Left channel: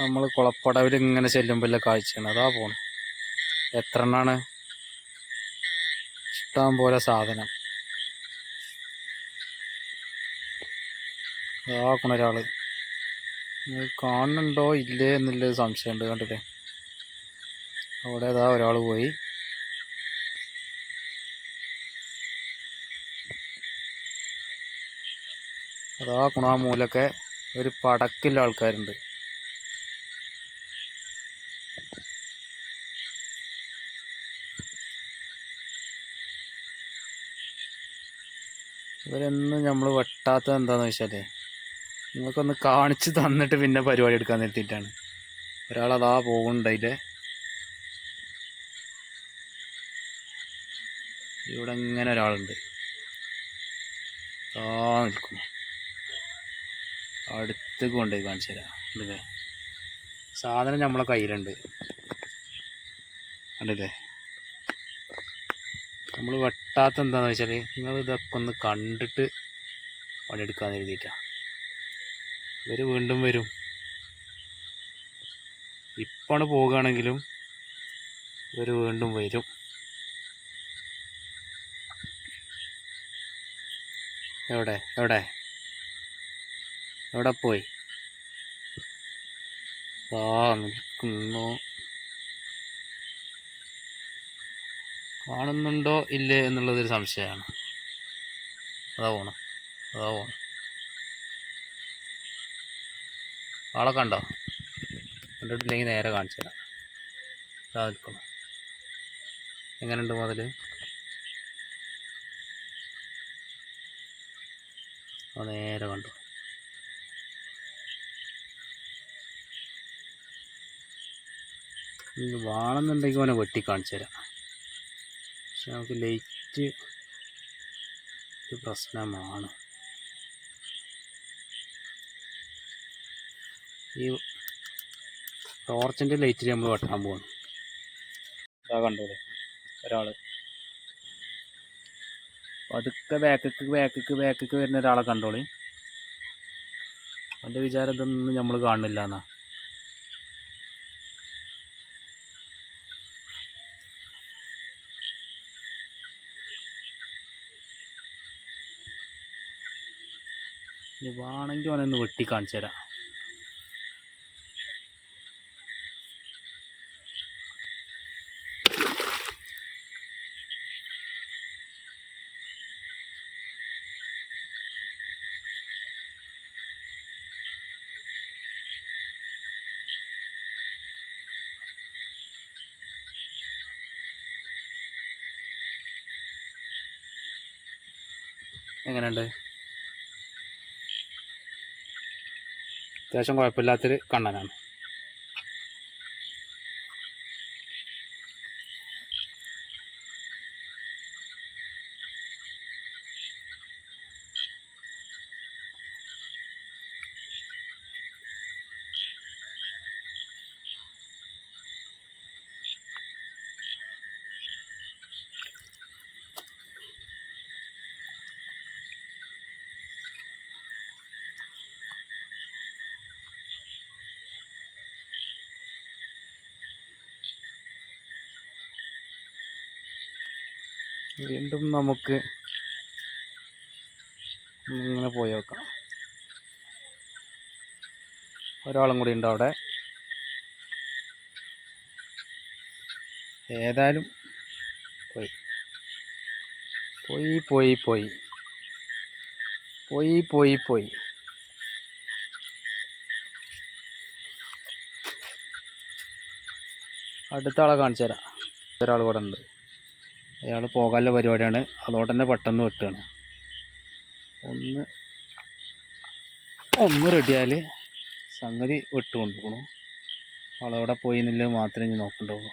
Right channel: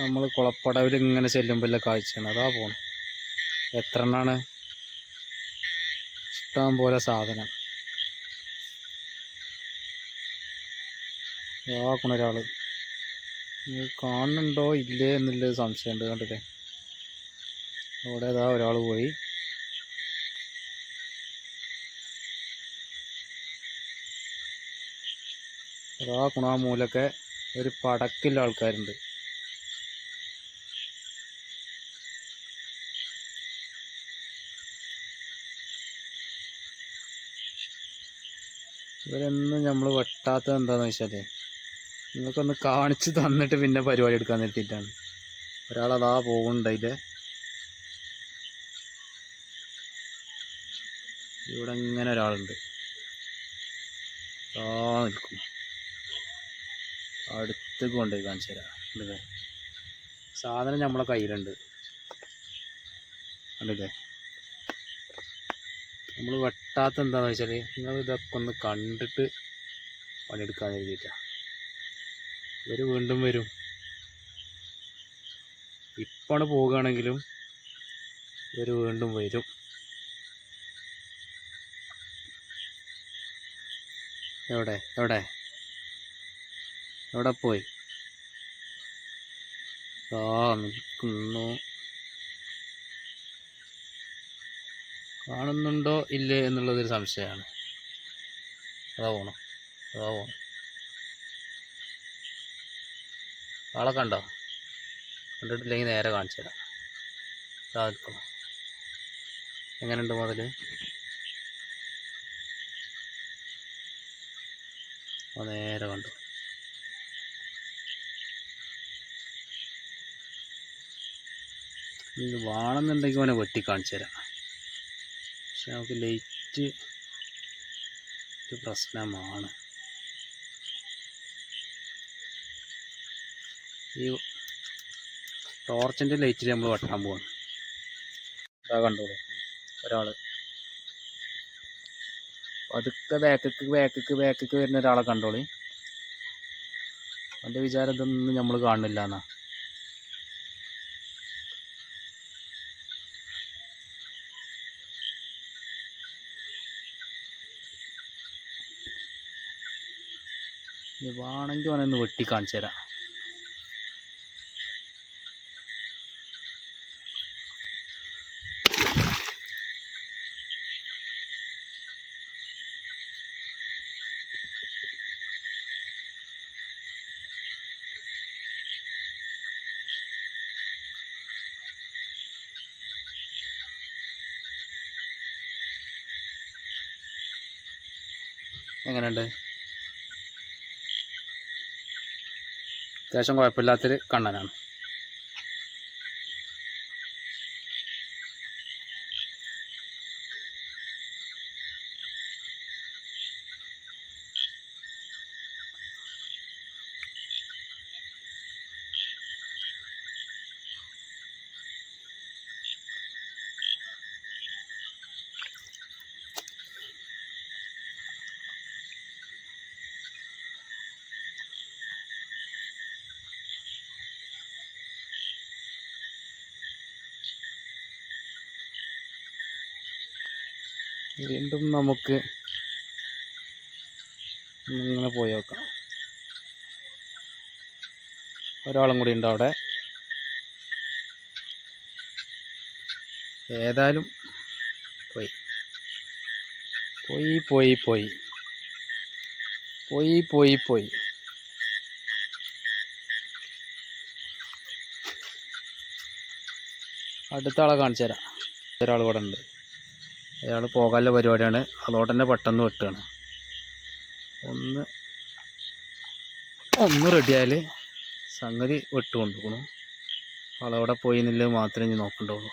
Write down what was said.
നമ്മൾ കുളപ്പടവിൽ ഇങ്ങനെ ചെല്ലുമ്പോഴല്ല കാഴ്ചയാണ്. അതാ പോണ് എത്ര എണ്ണാണ് ഇഷ്ടം പോലെ സാധനം. ഇതാക്കണ ഒരാൾ കാണുന്നുണ്ടോ? ഇല്ലേ എന്നുള്ളൊരു സംശയമുണ്ട്. കണ്ടില്ലേ? അവിടെ ഇതാ ഒരാൾ പോയി. അതാ കുണാമൂലൊക്കെ ഒരു പടക്കില്ല ആൾക്കാരുണ്ട്. ഇവരെന്നും നമ്മൾ വെട്ടാത്തത് എന്താണെന്ന് വെച്ചാലേ നിങ്ങൾക്കൊന്ന് കാണിച്ച് തന്നിട്ട് പിന്നെ പരിപാടി എടുക്കാൻ നിർത്തിയിട്ടാണ്. അതാ പോകുന്നുണ്ട് അതിന്റെ. ഇവിടെ ഇങ്ങനെ ഒരാളുണ്ട്. ആ നിൽക്കും അടുത്ത് കൊണ്ടുപോയി കാണിച്ചു തരാം. അല്ലേ സാധനം നമ്മളെ കയ്യിലുണ്ട്. കണ്ടില്ലേ? നമ്മൾ വെട്ടാത്ത എന്താണെന്ന് വെച്ചാൽ നിങ്ങൾ ഇതൊക്കെ ഒന്ന് കണ്ടിട്ട് പണിയെടുക്കാൻ എഴുതിയിട്ടാണ് ഇവർ വീണ്ടും വരും. ഇപ്പാണ് പോകുകയാണെങ്കിലും ഇവർ വീണ്ടും വരും. എവിടെ? എവിടെ? എവിടെ പോയി? ആ നിൽക്കുന്നു. കാണുന്നുണ്ടോ ഇല്ലേ എന്നുള്ളതൊരു സംശയമാണ്. അതാ പോണം. അതാ പോണം. ആളെ കണ്ടോ? കണ്ടിട്ടില്ലെങ്കിൽ നേരെ കാണിച്ചു തരാം. ഇതാ നിൽക്കണം. എങ്ങനെയുണ്ട് മുതൽ നേരെ കണ്ടു. വാണെന്നുണ്ടെങ്കിൽ അവനെ വെട്ടി കാണിച്ചു തരാം. പക്ഷെ നമുക്ക് ലൈറ്റ് ഒരു പ്രശ്നമാണ്. ഈ ടോർച്ചിന്റെ ലൈറ്റിൽ നമ്മൾ വെട്ടാൻ പോവാണ്. ഇതാ കണ്ടോളൂ ഒരാൾ പതുക്കെ ബാക്കക്ക് ബാക്കക്ക് ബാക്കക്ക് വരുന്ന ഒരാളെ കണ്ടോളി. അവന്റെ വിചാരം ഇതൊന്നും നമ്മൾ കാണുന്നില്ല എന്നാ. ഇനി വേണമെങ്കിൽ അവനൊന്ന് വെട്ടി കാണിച്ചു തരാം. എങ്ങനെയുണ്ട്? അത്യാവശ്യം കുഴപ്പമില്ലാത്തൊരു കണ്ണനാണ്. വീണ്ടും നമുക്ക് ഇങ്ങനെ പോയി നോക്കാം. ഒരാളും കൂടി ഉണ്ട് അവിടെ. ഏതായാലും പോയി. പോയി പോയി പോയി. പോയി പോയി പോയി. അടുത്ത ആളെ കാണിച്ചു തരാം ഒരാൾ കൂടെ ഉണ്ട്. അയാൾ പോകാനുള്ള പരിപാടിയാണ്. അതോടെ തന്നെ പെട്ടെന്ന് വെട്ടുകയാണ് ഒന്ന് ഒന്ന് റെഡിയായാൽ സംഗതി വെട്ടുകൊണ്ടിരിക്കണം കൊണ്ടുപോകണം ആളവിടെ പോയി എന്നുള്ളത് മാത്രമേ ഇനി നോക്കണ്ടുള്ളൂ